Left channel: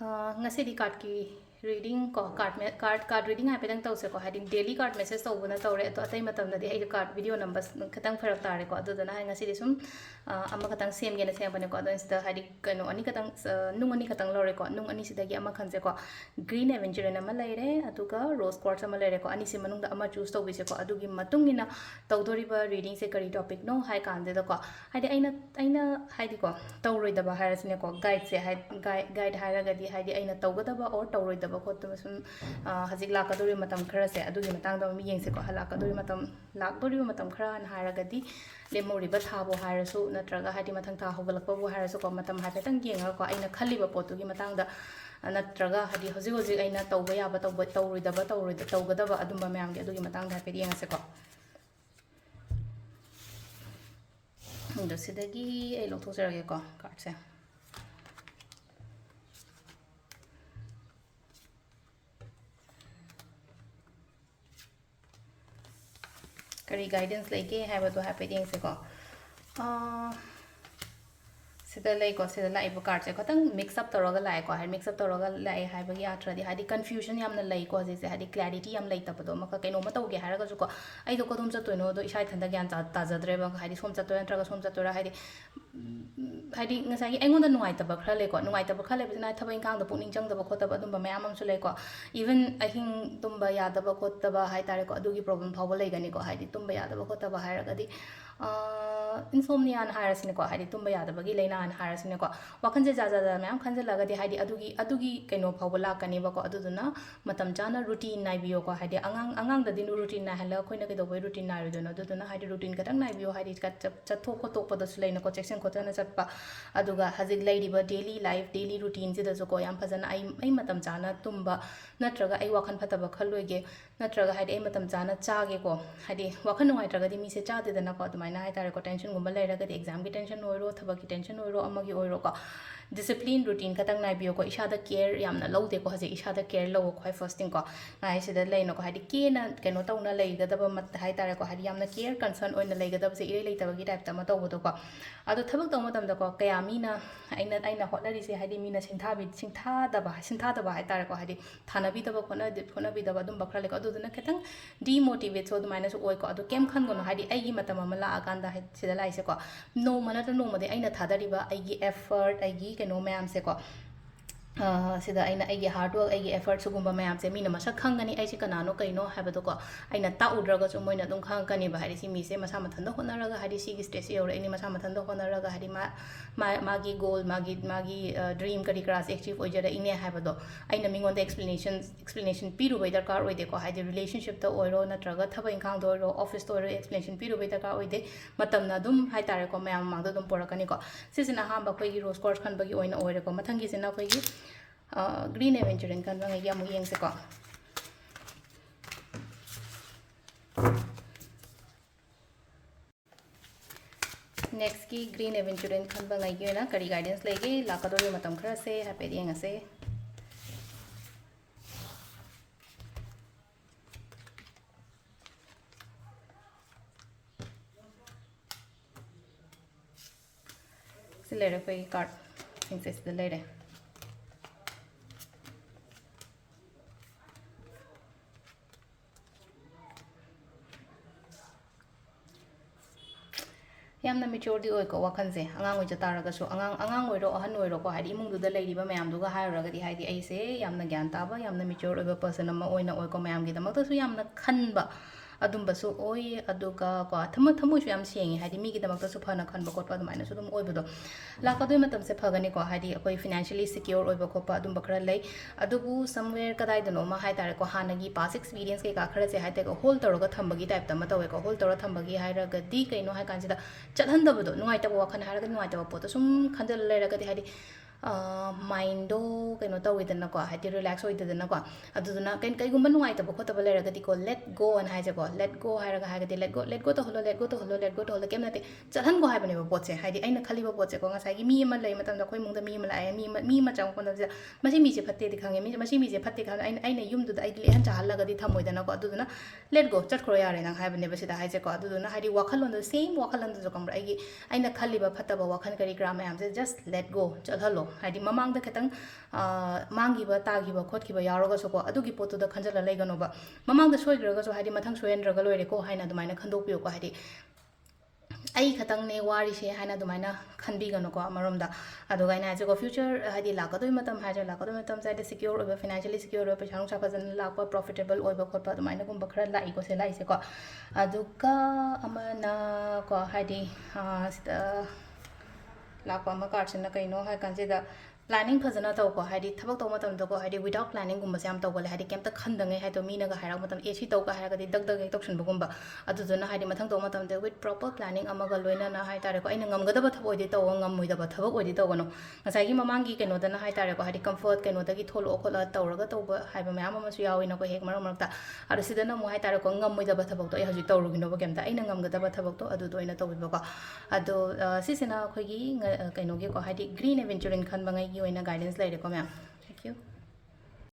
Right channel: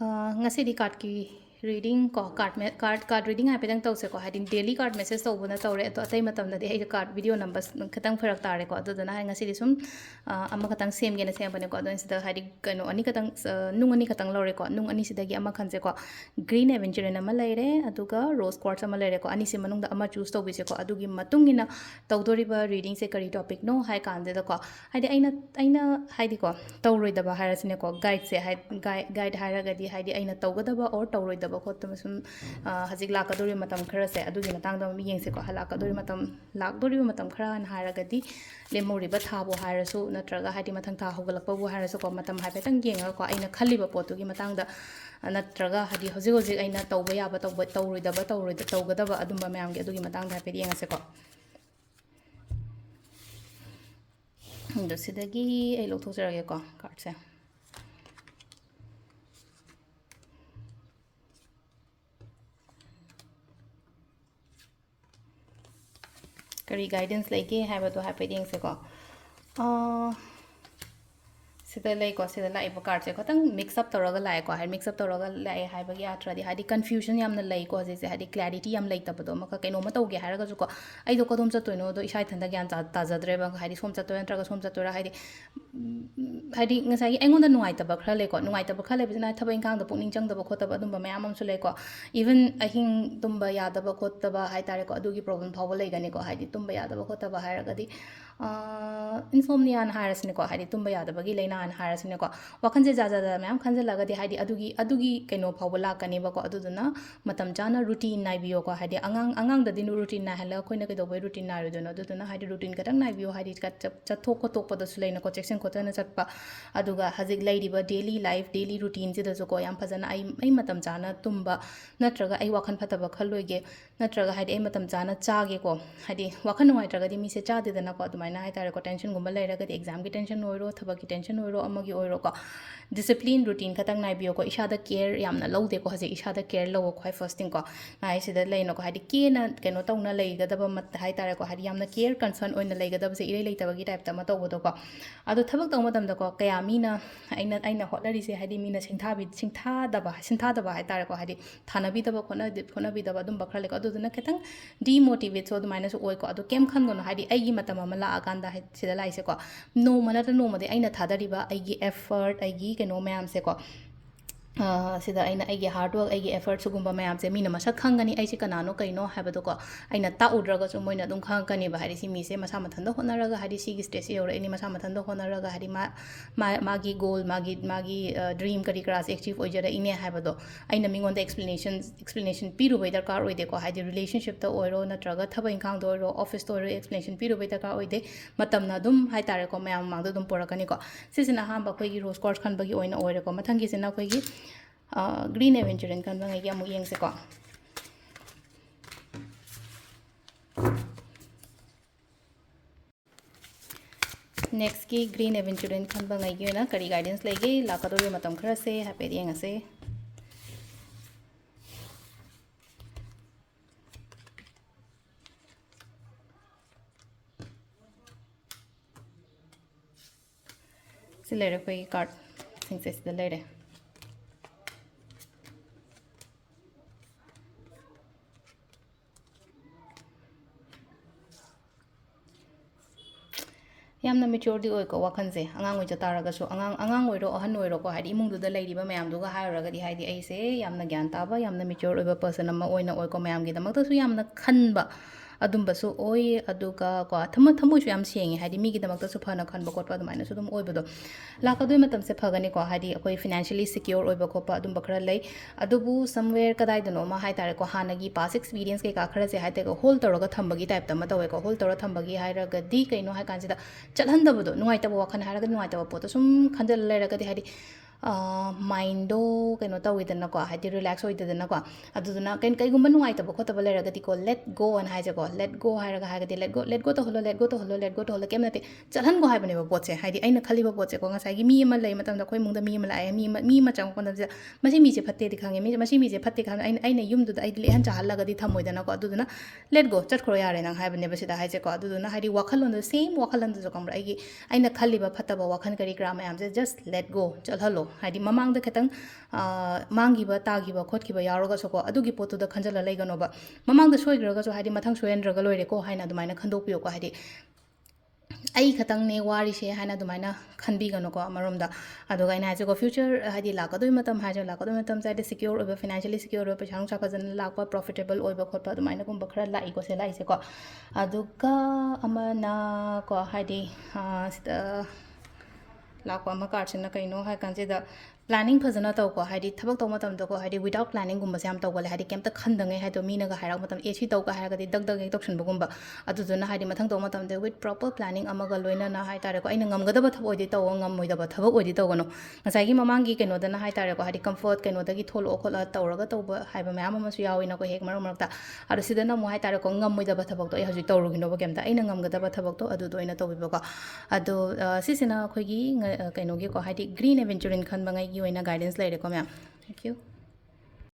ngasi di card ki reading ko card reading hai pedang tause ko hadin daily card message to buna tawre to atai matam na de ai card video numbers khatang pharak tare ko adu dana ngasi di sum amma khatang sem gena sem bane ko adon sida hadi kano ani khatang nung ani khatang lore ko nung ani sida gi amma khanse ko green adventure na malaire aduga rose quartz ama lere ko ani se manung da ama choose to bise ko adugi matung ina tawdori ba reading se kari topic no hai kan de ko hadi aina haidi ko tawroi da ba harasine ko guide se guide haragadi hadi aina tawgadaba or tawroidaba khotama sum hajik lakadori matam khara se adugi matangda mi yengse ko halakadori matam lakdori matam khara an haragadi lemori ba thabo harasu natraga hadi mathang tha hogalakpa bu harasu ko matam haipetang yenga ko aina khaliba potugi matangda natraga hadi hojik hojik aina tawba yaba tawroidaba tawgadaba adumba mayamgi adugi matangda haipet yengase ko ndo sidagi ai lokthosarage ko card se kari guidance leke haiba to happy ding se ko sida lai ko sida lai bo card se ko tang mix up toroga lai ko hai mix up toroga lai haiba gi atra di hadi confusion yamna lai ko je hadi clarity yam lai tapado maka kaino ma tawge haraga ju ko ai do ko dum cha toino do isai thanda gyan ta jadre ba hadi som cha toyan traga som cha tora hadi hadi ngasai engon da nuai taba khra lai ko nuai taba khra lai bina thaba ingkang da pukning chang da ba khotaba dum ba mayam am su lai ko even ahing tumba ya da ba khotaba hai tare ko adugi problem phaw lai gani ko hadi tumba ya da ba khotaba haraga di insomnia an harasine ko hadi tumba ya da bagi leina an harasine ko wakhan je jaja da mayam khan je laga di hadi adugi kaino phaw la kani ba ko aduduna matam jana routine nai biyo ko hadi angang da dinu routine na hala khoina ke do boy routine na ro dono aduduna hadi routine ka tang nai biyo hadi ka chathok ko tok pa da su leina ko section ko tana chatpa aduga hajik lairi ba daily life daily routine je da so ko yam phajana ai matam jana tumba natraga ai wakhan phataba khalloige natraga hadi ai matam jana chage ko hadi wakhan nuai traga di mi se cha de dana ko adumai hai tare ko tension gumba lairaga exam ki tension oiro thaba ki tension oiro amagi oiro ko discipline routine khatang nai biyo ko isada care yamna lode ko haje isada care lo ko first thing ko nai sida leino ko hadi ke na keno tawna leigadaba mat hai tare ko hadi yamna care concern oina leigadaba se irei leitaba gi type ta ma tawbodo ko ado thabak taw matam da ko kaya mina aina hotlari se hadi mina singtha daba hai tare ko hadi thana bi daba khona bi daba dum bakra le ko adu na ketang demotivate so du minus oi ko adu kem khan gono hadi ai gi matam amala aganda sida lai se ko no mana ta no mode aina thadariba ai gi effort ai gi keno mayam se ko sida aina aigi hard work aigi effort sugumba mayam se mina masak khangani ai se kanano kaino habado ko aina ta udraga so moina dum khang kani ba hari si mi se masa mathanda honaraga hari si gi stress yore ani masa mathanda honaraga hari magi goal magi dream kari class achieve ojara ine habado aina mingon da explanation piru bai darkar oide ko hadi relationship ta oiro natraga thaba inkhang do ro office to ro explanation piru bai darkar oide matam na dum hai tare ko mayam mang do dum porakani ko sisina hamba khoi gi rose course khan bagi oina oire ko mathangi sina khoi gi green adventure kan bang ya mu yeng se ko next ki green adventure kan bang ai na kari guidance lege lakadori matam khara se happy yeng ase selere koi card sing se selere yamna maturity oi ko wakhan se angang oi jataraga so angang oi ro ahan oi ro ko hadi imung du da leiriba mayam du ga hairaga di haidi ai se yamna gyan taba yamna mature oi ba person ama oina oi ko mayam gi damak ta su yamna khanba adumba su oi aduga ko thamu su yam sengi hadi mi gi damak ta su phana khanba ko pa dumaina su dum oi bodo lakadoi matam se phagani ko hadi akoi financially secure oi ba ko pa adum bakra lai adubu somewhere kadai dano ma hai tare ko hanagi past experience ke ka khara se hai te ko hold toroga thambagi type ta ma tawe ko hold toro thambagi hairaga di kaino hai kan sida chalhandabado nuai taba wakhan haraga nuai taba pot sum khandel leraga di hadi mind do kaino tawidana ko hadi relax oidana ko aduduna kai gumba nuai taba khotaba leraga di ko let go an haije ko let go hairaga haga di let go to holo kemnate chalhan go haibane ba potse hadi aina khali ba potse ko ngasai gi mi ma lai matam da khoi mungda mi ma lai mi ma chang ko na masi mi je phatte di khange masi mi je phatte khan aina yum du da ai le han cha halaga di thamoidana ko aduduna let go chat khro yare nang haibane ba sida haije ko aduduna hadi wakhalon da same wakhalon da kamra ai aina khali ba phatta ba wakhan kari gram am just let go chal halo ꯍꯥꯏꯗꯤ ꯃꯃꯥꯡꯗ ꯈꯤꯇꯪ ꯃꯥꯡꯈꯤꯕ ꯇꯥꯈꯤꯕ ꯈꯣꯠꯈꯤꯕ ꯌꯥꯎꯔꯒꯁꯨꯀꯣ ꯑꯗꯨꯒꯤ ꯄꯣꯠꯇꯨꯗ ꯈꯟꯖꯜꯂ ꯂꯩꯒꯅꯣꯕ ꯃꯃꯥꯡꯗ ꯁꯣꯏꯈ꯭ꯔꯒꯁꯨ ꯍꯥꯏꯗꯤ ꯃꯊꯪ ꯁꯣꯏꯍꯟꯗ꯭ꯔꯒ ꯂꯣꯏꯔꯦꯀꯣ ꯍꯥꯏꯅ ꯑꯗꯨꯃꯥꯏꯅ ꯈꯟꯗꯣꯛꯄꯤꯌꯨꯀꯣ ꯍꯥꯏꯗꯤ ꯑꯩ ꯈꯇꯪꯅꯦ ꯋꯥꯔꯤꯁꯦ ꯍꯥꯏꯅ ꯑꯗꯨꯃꯥꯏꯅ ꯈꯟꯕꯤꯒꯅꯨꯀꯣ ꯑꯃꯔꯣꯝꯗ ꯑꯗꯨꯒ ꯑꯩꯅ ꯍꯥꯏꯁꯦꯀꯣ ꯐ꯭ꯌꯨꯆꯔ ꯍꯥꯏꯗꯤ ꯂꯥꯛꯀꯗꯣꯏ ꯃꯇꯝ ꯍꯥꯏꯁꯦ ꯂꯥꯛꯀꯗꯣꯏ ꯃꯇꯝꯁꯦ ꯍꯥꯏꯗꯤ ꯁꯤक्योꯔ ꯑꯣꯏꯕ ꯐꯤꯅꯥꯟꯁꯤꯌꯦꯂꯤ ꯁꯤक्योꯔ ꯑꯣꯏꯕ ꯄꯩꯁꯥ ꯅꯨꯡꯁꯥ ꯐꯖꯅ ꯂꯥꯛꯄ ꯄ꯭ꯔꯣꯐꯤꯇꯦꯕꯜ ꯑꯣꯏꯕ ꯈꯣꯠꯄ ꯑꯗꯨꯃꯥꯏꯅꯒꯨꯝꯕ ꯈꯔ ꯂꯥꯛꯏꯀꯣ ꯁꯦ ꯂꯥꯛꯏꯁꯦꯀꯣ ꯑꯗꯨꯒ ꯑꯃꯅ ꯀꯣ ꯍꯥꯏꯗꯤ ꯁꯤꯗ ꯂꯥꯛꯄ ꯑꯃ ꯀꯥꯔꯠꯁꯤꯅ ꯀꯩꯅꯣ ꯍꯥꯏ ꯀꯥꯟꯁꯤꯗ ꯄ꯭ꯂꯥꯅꯤꯡ ꯐꯖꯅ ꯇꯧꯀꯣ ꯍꯥꯏꯗꯤ ꯊꯕꯛ ꯇꯧꯕ ꯃꯇꯝꯗꯀꯣ ꯍꯥꯏꯗꯤ ꯋꯤꯗꯥꯎꯠ ꯄ꯭ꯂꯥꯅꯤꯡꯒꯨꯝꯕꯁꯦ ꯌꯥꯝ ꯇꯧꯒꯜꯂꯦ ꯍꯥꯏꯗꯤ ꯀꯩꯝꯇ ꯈꯟꯗꯉꯩ ꯍꯥꯏꯗꯣ ꯃꯤꯅꯒ ꯍꯥꯏꯔꯛꯄ ꯃꯇꯝꯗ ꯑꯦ ꯁꯤ ꯇꯧꯒ ꯍꯥꯏꯔꯒꯗꯤ ꯗꯛ ꯗꯛ ꯍꯦꯛ ꯇꯧꯁꯟꯕꯒꯨꯝꯕ ꯑꯗꯨꯗꯨꯅ ꯍꯥꯏꯗꯤ ꯃꯊꯪ ꯇꯧꯕ ꯃꯇꯝꯗ ꯋꯤꯠ ꯄ꯭ꯔꯣꯄꯔ ꯄ꯭ꯂꯥꯅꯤꯡ ꯑꯃꯒ ꯂꯣꯏꯅꯅ ꯍꯥꯏꯇꯥꯔꯦꯀꯣ ꯑꯩꯅ ꯉꯝꯒꯗꯕ ꯊꯕꯛ ꯑꯣꯏꯗꯤ ꯇꯧꯕ ꯉꯝꯃꯣꯏꯗꯕ ꯊꯕꯛ ꯑꯣꯏꯗꯤ ꯇꯧꯒꯅꯨ ꯉꯁꯥꯏꯒꯤ ꯃꯃꯥꯡꯒꯤ ꯀꯩꯅꯣꯗꯅ ꯍꯥꯏꯇꯥꯔꯦꯀꯣ ꯍꯥꯏꯗꯤ ꯀꯝꯐꯣꯔꯠ ꯀꯩꯅꯣꯗꯒꯤ ꯊꯣꯛꯂꯛꯑꯣ ꯈꯣꯠꯂꯒ ꯇꯧꯔꯒ ꯇꯧꯕ ꯍꯥꯏꯕ ꯃꯌꯥꯝ ꯑꯃꯁꯨ ꯌꯥꯎꯋꯤꯅꯀꯣ ꯍꯦꯛ ꯃꯔꯛ ꯃꯔꯛꯇ ꯑꯗꯣ ꯁꯤꯗꯅ ꯑꯃꯨꯛ ꯍꯥꯏꯇꯥꯔꯦꯀꯣ ꯉꯝꯃꯣꯏꯗꯕ ꯊꯕꯛꯇꯣ ꯑꯩ ꯍꯧꯖꯤꯛ ꯇꯧꯔꯨꯒꯤꯅꯣꯕ ꯀꯩꯝꯇ ꯑꯩꯅ ꯉꯝꯒꯗꯕ ꯊꯕꯛꯇꯣ ꯑꯗꯨꯗꯣ ꯑꯣꯏꯅ ꯇꯧꯕꯤꯕꯀꯣ ꯑꯗꯣ ꯁꯤꯁꯤꯅ ꯑꯩꯈꯣꯏꯒꯤ ꯀꯩꯅꯣꯒꯤꯀꯣ ꯍꯥꯏꯗꯤ ꯒ꯭ꯔꯤꯟ ꯑꯦꯚꯦꯟꯆꯔꯤꯟ ꯈꯟꯕꯉꯩꯒꯤ ꯑꯣꯏꯅ ꯒꯥꯏꯗꯦꯟꯁ ꯂꯩꯔꯦꯀꯣ ꯃꯌꯥꯝ ꯊꯦꯡꯛ ꯌꯨ